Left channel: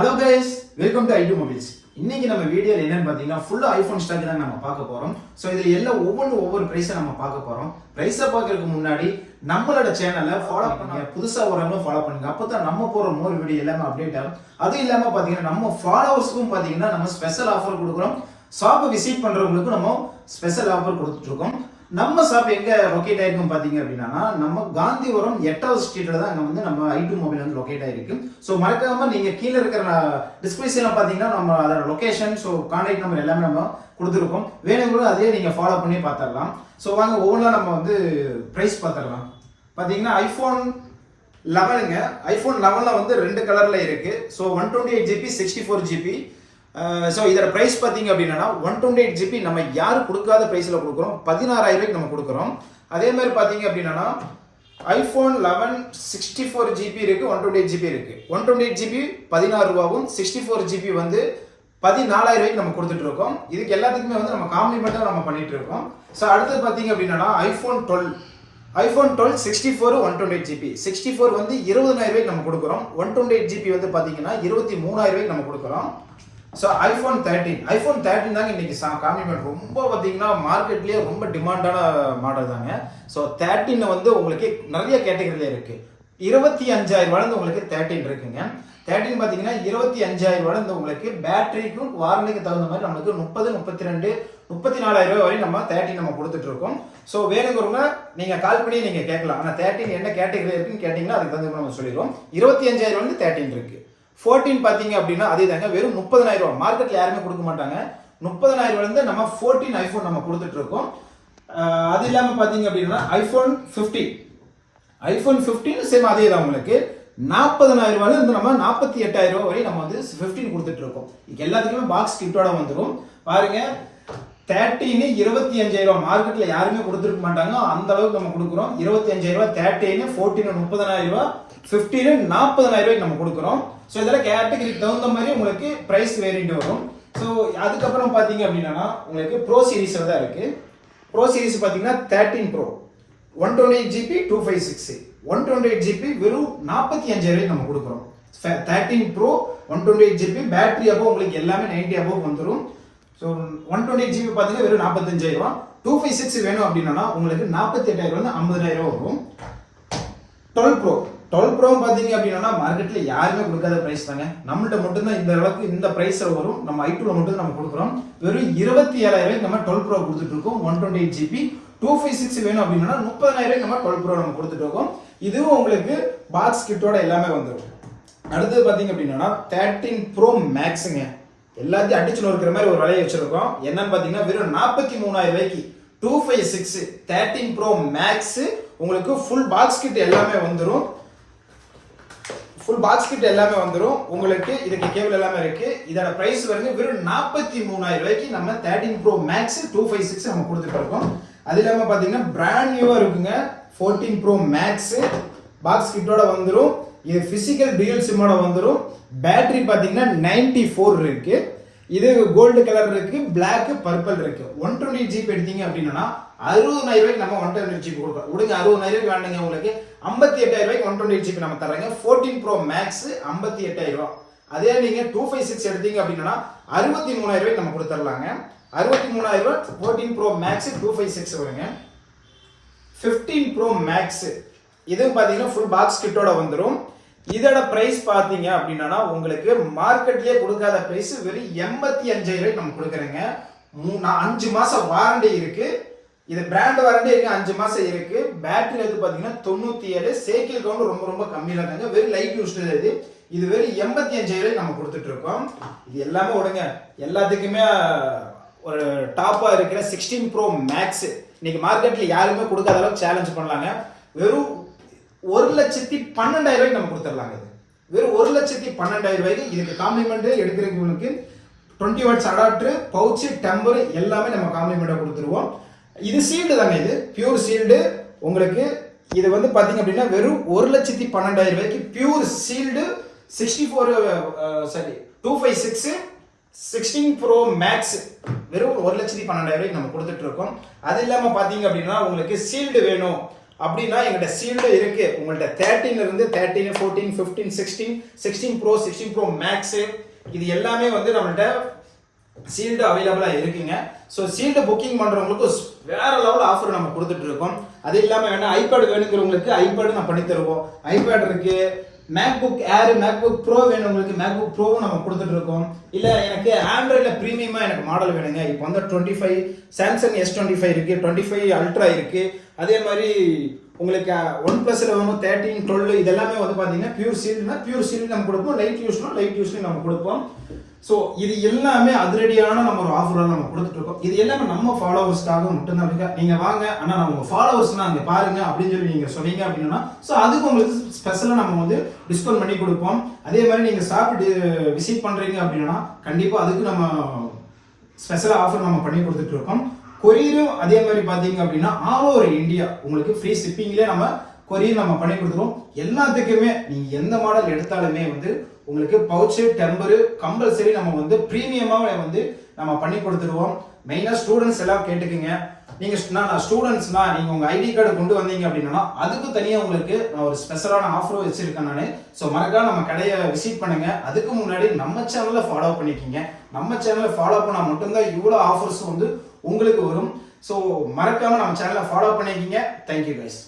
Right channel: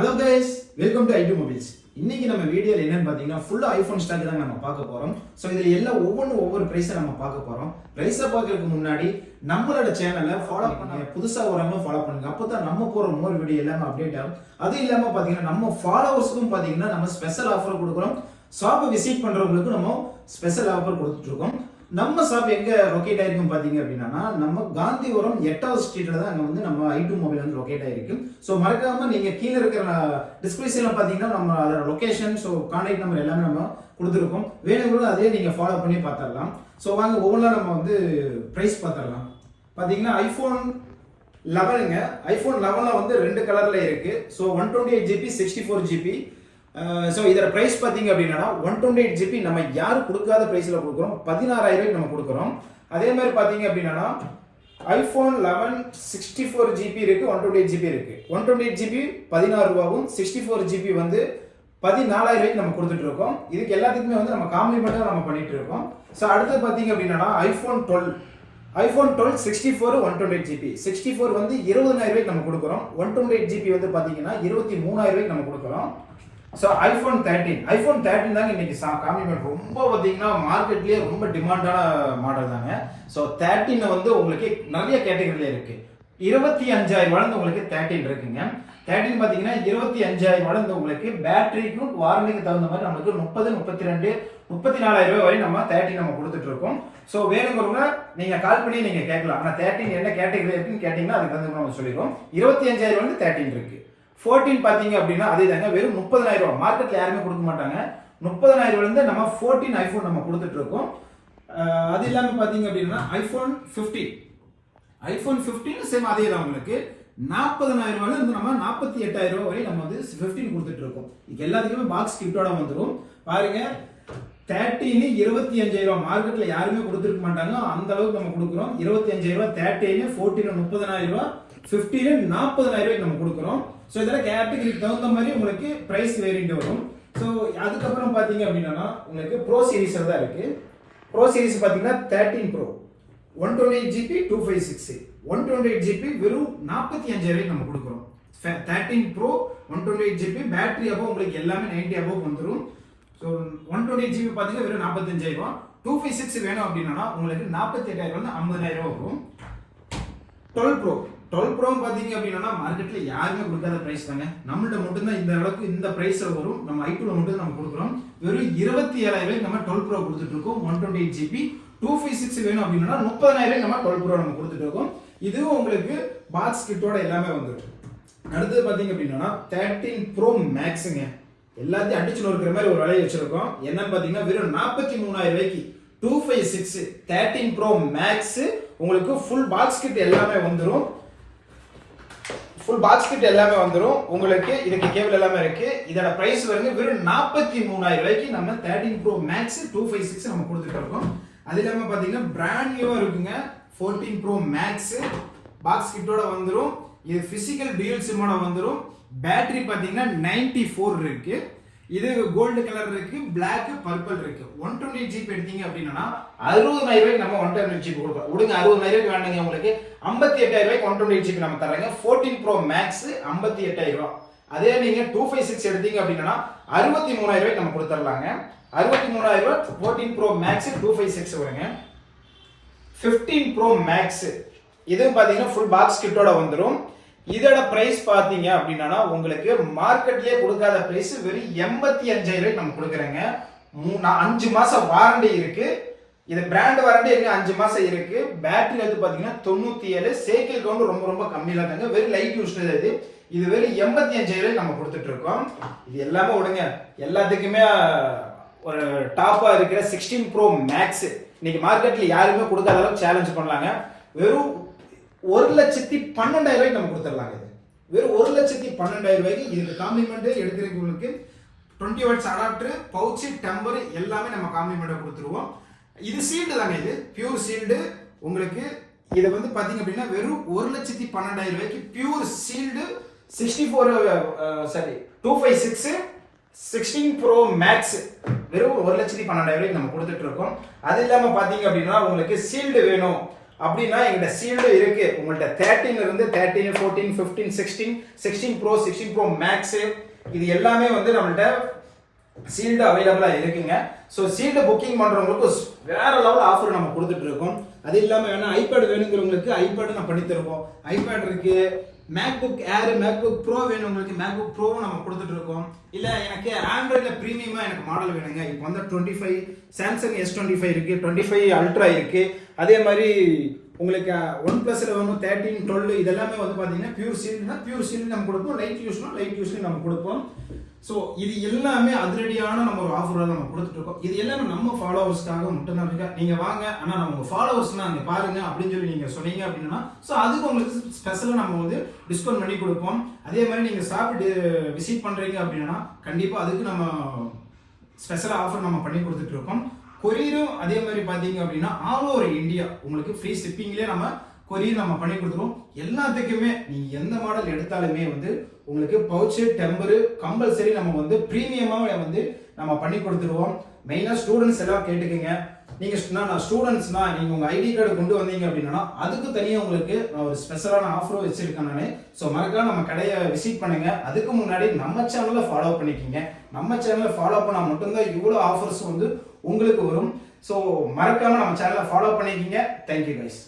Hello guys, welcome to IT Mobiles. இன்னைக்கு நம்ம வீடியோல என்னன்னு பாத்தீங்கன்னா ஃபுல்லா ஐபோன் ஸ்டாக் தான் நம்ம பார்க்க போறோம். சோ இதுல எல்லாம் ஒவ்வொரு பிரைஸை நம்ம பார்க்க போறோம். பிரைஸை பார்க்கறதுக்கு முன்னாடி நம்மளோட சேனலை ஃபாலோ பண்ணுங்க. புதுசா வரவங்க ஃபாலோ பண்ணுங்க. அப்பதான் நம்ம போற மோர் வீடியோ எல்லாமே அப்டேட் ஆகும். அது இல்லாம பாத்தீங்கன்னா நம்ம ஃபாலோவர்ஸ்க்கும் பாத்தீங்கன்னா நம்ம ஸ்பெஷல் ஆஃபர் கொடுக்குறோம். ஷாப்பை விசிட் பண்றவங்களுக்கு நம்ம ஸ்பெஷல் ஆஃபர் கொடுத்துட்டு இருக்கோம். நம்ம ஷாப் எங்க லொகேட் ஆயிருக்கும் பாத்தீங்க அப்படின்னா நம்ம காந்திபுரம் 8வது ஸ்ட்ரீட்ல தான் அங்க வந்து நம்ம ஐடி மொபைல் வந்து லொகேட் ஆயிருக்கு. ஸோ மறக்காம நீங்க கீழே இருக்கிற டிஸ்கிரிப்ஷன்ல பாத்தீங்கன்னா நம்ம அதோட லொகேஷன், ஸோ கான்டாக்ட் நம்பர் எல்லாமே நம்ம கொடுத்துருக்கோம். வேணுங்களும் அதே நீங்க ஃபாலோ பண்ணி பார்த்துடலாம். ஸோ வாங்க ஒவ்வொன்றா நம்ம வந்து பிரைஸ் பார்த்துடலாம். பாத்தீங்கன்னா ஐபோன் 11ங்க. ஐபோன் 11ல வந்து 2 கலர்ல இருக்கு. So 128GB 64GB. ஸோ இதோட ப்ரைஸ் பார்த்தீங்க அப்படின்னா 128GB நம்ம யாரும் கொடுக்காத ப்ரைஸில் கொடுக்குறோம். 16,000 நம்ம கொடுக்குறோம். அதே மாதிரி பார்த்தீங்க அப்படின்னா ஐஃபோன் 11 64GB இருக்கு, 128GB இருக்கு. 128GB 16 ரூபாவும், 64GB வந்து 14,000 நம்ம கொடுத்துட்டு இருக்கோம். இதுக்கு எல்லாத்துக்குமே வந்து நம்ம காம்ப்ளிமெண்ட்டாக நம்ம பண்ணிட்டு இருக்கோம். ஸோ அடுத்து பார்த்தீங்க அப்படின்னா ஐஃபோன் 12 64 128GB 64 வந்து 20,000 நம்ம கொடுக்குறோம். 128GB வந்து பார்த்தீங்கன்னா 23,000 நம்ம கொடுக்குறோம். ஸோ ஐஃபோன் 13 தாங்க இன்னைக்கு காம்ப்ளிமெண்ட் ரொம்ப பார்த்தீங்கன்னா மார்க்கெட்லேயே ரொம்ப டிமாண்டான மாடல் தாங்க. ஸோ 13 வந்து உங்களுக்கு நிறைய கேட்டகரியில் இருக்கு. 25,000 உங்களுக்கு 13 இருக்குங்க. 13 பார்த்தீங்கன்னா 25,000 உங்களுக்கு பேட்டரிக்கும் வாரண்டிக்கு தகுந்த மாதிரி நம்மளுக்கு 30, 32, 34,000 வரை நம்ம 13 நம்ம கொடுத்துட்டு இருக்கோம். ஸோ வேணுங்கிறவங்க நீங்க கால் பண்ணி நீங்க கேட்கலாம். ஆனால் 13 என்ன கேட்டகரி இருக்குன்னு கேட்டீங்கன்னா அதுக்கு தகுந்த நம்ம சொல்லிடுவோம். 25,000 வந்து 13 இருக்கு. 14 பாத்தீங்க அப்படின்னா அதே தாங்க, வெறும் 30,000. மார்க்கெட்ல யாருமே கொடுக்க மாட்டாங்க. 30,000 நம்ம 14 ஐபோன் நம்ம கொடுத்துட்டு இருக்கோம். அது இல்லாம பாத்தீங்க அப்படின்னா ஐபோன் 15 சேம் அதே தான் உங்களுக்கு 40,000 இருந்து நம்ம 48,000 வரை நம்ம வந்து 15 கொடுத்துட்டு இருக்கோம். இது எல்லாத்துக்குமே பாக்ஸ் கிட்டோட வந்துடும். பாருங்க 13 25,000 மார்க்கெட்ல யாருமே கொடுத்துருக்க மாட்டாங்க. அந்த அளவுக்கு நம்ம கொடுக்குறோம். 25,000 13, 14 30,000, 15 40,000 நம்ம கொடுக்குறோம். ஸோ இதெல்லாம் கேட்டகரிக்கு தகுந்த மாதிரி உங்களுக்கு பிரைஸ் வேரியண்ட் வரும். ஸோ அதுக்கப்புறம் பார்த்தீங்க அப்படின்னா உங்களுக்கு ப்ரோ சீரிஸ் தான் இருக்கு. ப்ரோ சீரிஸ் பார்த்தீங்கன்னா 13 ப்ரோ 128GB 256 128GB வெறும் 45,000 நம்ம கொடுக்குறோம். 13 ப்ரோ 128GB பேட்டரி அப்போ உங்களுக்கு எல்லாமே 90 above வந்துடும். ஸோ 128GB பார்த்தீங்கன்னா வெறும் 45,000. 256 வேணும் அப்படின்னா உங்களுக்கு 48,000 50,000 வரும். 12 ப்ரோ பார்த்தீங்க அப்படின்னா மார்க்கெட்ல யாருமே கொடுக்காத பிரைஸ் தாங்க. நம்மள்ட்ட மட்டும்தான் இந்த அளவுக்கு இந்த பிரைஸ்ல வரும். நம்ம ஐ2ல மட்டும் நம்ம கொடுக்குறோம். வெறும் 27,000 நம்ம 12 ப்ரோ கொடுத்துட்டு இருக்கோம். 128GB 256 வேணும் அப்படின்னா 30,000 நம்ம 12 ப்ரோ நம்ம கொடுத்துட்டு இருக்கோம். இதுவும் உங்களுக்கு பாக்ஸ் கிட்டோட எல்லாமே வந்துடும். அடுத்தது பார்த்தீங்க அப்படின்னா 13 ப்ரோ மேக்ஸுங்க. எல்லாத்தையும் அடிச்சு நோக்கிற மாதிரி ஒரு விலையை வச்சிருக்கோம். என்னன்னு பார்த்தீங்கன்னா வெறும் 43,000 256 13 ப்ரோ மேக்ஸ் உங்களுக்கு ஃபுல் பாக்ஸ் கிட் எல்லாமே வந்துடும். உங்களுக்கு இதுக்கு கேபிள் எல்லாமே இருக்கு. இதோட பிரைஸ் வந்து வெறும் 43,000 நம்ம 13 ப்ரோ மேக்ஸ் 256 நம்ம கொடுத்துட்டு இருக்கோம். அது இல்லாம பாத்தீங்கன்னா பிராண்ட் நியூவா இருக்குங்க. 14 ப்ரோ மேக்ஸ் பாக்ஸ் கிட்டோட வந்துடும். இது பிசிக்கல் டியூல் சிம்மோட வந்துடும். பேட்டரி பாத்தீங்கன்னா 94 இருக்கு. இது கோல்டு கலர் இருக்கு, பிளாக் பர்பிள் இருக்கு. 128GB எடுத்தீங்க அப்படின்னா 60,000 நம்ம 128GB கொடுக்குறோம். விடுங்க 60,000 வேண்டாங்க, உங்களுக்கு 58,000 128GB நம்ம தர்றாங்க. 14 ப்ரோ மேக்ஸ் 58,000. அதே நீங்க 256 எடுத்தீங்க அப்படின்னா 63,000 நம்ம கொடுத்துடலாங்க. 63,000 14 ப்ரோ மேக்ஸ் 256 வருங்க. 15 ப்ரோ மேக்ஸ் இதுவும் பாத்தீங்கன்னா ஃபுல் பாக்ஸ் கிட்டோட வந்துடும். இதோட பிரைஸ் பாத்தீங்க அப்படின்னா உங்களுக்கு மார்க்கெட்லயே கொடுக்காத பிரைஸ் வெறும் 85,000 நம்ம கொடுக்குறேங்க. 5 மாசம் வாரண்டி இருக்கு. இது பிராண்ட் வாரண்டி இருக்கு, 5 மாசம் இருக்கு. பேட்டரி வந்து பாத்தீங்கன்னா 97. சைக்கிள் கவுண்ட் ரொம்ப ரொம்ப கம்மியில தாங்க. வெறும் லைட் யூஸ் இது வெறும் 85,000 நம்ம கொடுத்துட்டு இருக்கோம். இது எல்லாமே விடுங்க, எல்லாத்துக்குமே ஒரு டாப்பா இருக்கிற 16 ப்ரோ மேக்ஸ் இன்னைக்கு மார்க்கெட்ல யாருமே கொடுக்காத அளவுக்கு சேலஞ்ச் பண்ணலாங்க. வெறும் 1,12,000 நம்ம கொடுத்துடலாங்க. இது வெறும் 1,12,000. இதுக்கு காம்ப்ளிமெண்ட் எடுக்கிறவங்களுக்கு 20 வாட்ஸ் அடாப்டர், பவுச், டெம்பர் எல்லாமே நம்ம காம்ப்ளிமெண்டா கொடுத்துருவோம். இது சீல்டு தாங்க, இது பியூர் சீல்டு. உங்களுக்கு இது வந்து பாத்தீங்க அப்படின்னா வெறும் 1,12,000 பியூர் சீல்டு 256 16 ப்ரோ மேக்ஸ் வெறும் 1,12,000 நம்ம கொடுத்துட்டு இருக்கோம். அது இல்லாம பாத்தீங்க அப்படின்னா உங்களுக்கு சீல்டு வேணும் அப்படின்னா எங்கிட்ட சீல்டு இருக்கு. உங்கள்ட்ட 13 இருந்து 13, 14, 15, 16 ப்ரோ, 16 ப்ரோ மேக்ஸ் இது எல்லாமே வந்து நம்மள்ட்ட சீல்டு அவைலபிளா இருக்குங்க. ஸோ சீல்டு புக்கிங் பண்றவங்களுக்கு வேற லெவல் ஆஃபர் நம்ம கொடுத்துட்டு இருக்கோம். அது இல்லாம வேணா ஐபேட் வேணுங்கிறவங்களுக்கு ஐபேட் நம்ம பண்ணி தருவோம். ஐபேட் இருக்கு, மேக்புக் ஏர், மேக்புக் ப்ரோ வேணுங்களுக்கு மேக்புக் ப்ரோவும் நம்ம கொடுத்துட்டு இருக்கோம். இல்ல எனக்கு ஆண்ட்ராய்டில் ப்ரீமியமா எனக்கு மாடல் வேணுங்க. இப்போ வந்து 25 சாம்சங் S25 இருக்கு, 25 அல்ட்ரா இருக்கு. அதே மாதிரி உங்களுக்கு OnePlusல வேணும் 13, 12 இதெல்லாமே வந்து பார்த்தீங்கன்னா பியூர் சீல்டு நம்ம கொடுப்போம். லைட் யூஸ்லையும் நம்ம கொடுப்போம். ஸோ இது எல்லாமே அதிரடியான நம்ம ஒரு ஆஃபர் நம்ம கொடுத்துட்டு இருக்கோம். இது எல்லாமே நம்ம ஃபாலோவர்ஸ்க்காக மட்டும்தான் இருக்கு. நீங்க வாங்க, ஆனால் நான் உங்க ஃபாலோவர்ஸ்னா அங்கே பாருங்க அப்படின்னு சொல்லி நீங்க சொன்னீங்க அப்படின்னா ஸோ அதுக்கு உங்களுக்கு ஸ்பெஷலாக நம்ம வந்து டிஸ்கவுண்ட் பண்ணி கொடுப்போம். அதே மாதிரி நீங்க ஷாப் விசிட் பண்றீங்க அப்படின்னா கண்டிப்பா அதுக்கு நம்ம ஸ்பெஷலாக ஆஃபர் நம்ம பண்ணி கொடுத்துட்டு இருக்கோம். கொரியரும் அதே மாதிரி பார்த்தீங்க அப்படின்னா ஆல் ஓவர் இந்தியா உங்களுக்கு ஃப்ரீ ஷிப்பிங்லேயே நம்ம கொரியர் நம்ம பண்ணி கொடுத்துருவோம். எல்லாத்துக்குமே நீங்க எந்த மாடல் எடுத்தாலுமே வந்து உங்களுக்கு பவுச்சு, டெம்பரு கம்பல்சரி நம்ம வந்து ப்ரீமியமாக வந்து நம்ம பண்ணி கொடுத்துருவோம். மெயினாக ஸ்டூடெண்ட்ஸ் எல்லாம் கேட்டுக்குங்க. நீங்க நான் ஸ்டூடெண்ட்ஸ்னா நீங்க உங்க ஐடி கார்டு கொண்டு வந்தீங்க அப்படின்னா அதுக்கு தனியாக உங்களுக்கு நான் ஒரு ஸ்பெஷலான ஆஃபரும் வச்சிருக்கேன் நான். ஸோ மறக்காம நம்ம கடையை விசிட் பண்ணுங்க. அதுக்கு முன்னாடி நம்ம சேனலை ஃபாலோ பண்ணிக்கிங்க. நம்ம சேனலை ஃபாலோ பண்ணால் மட்டும்தான் இவ்வளோ ஆஃபர்ஸ் வந்து உங்களுக்கு வரும். ஸோ மறக்காம நம்ம சேனலை ஃபாலோ பண்ணிக்கிங்க. Thank you guys.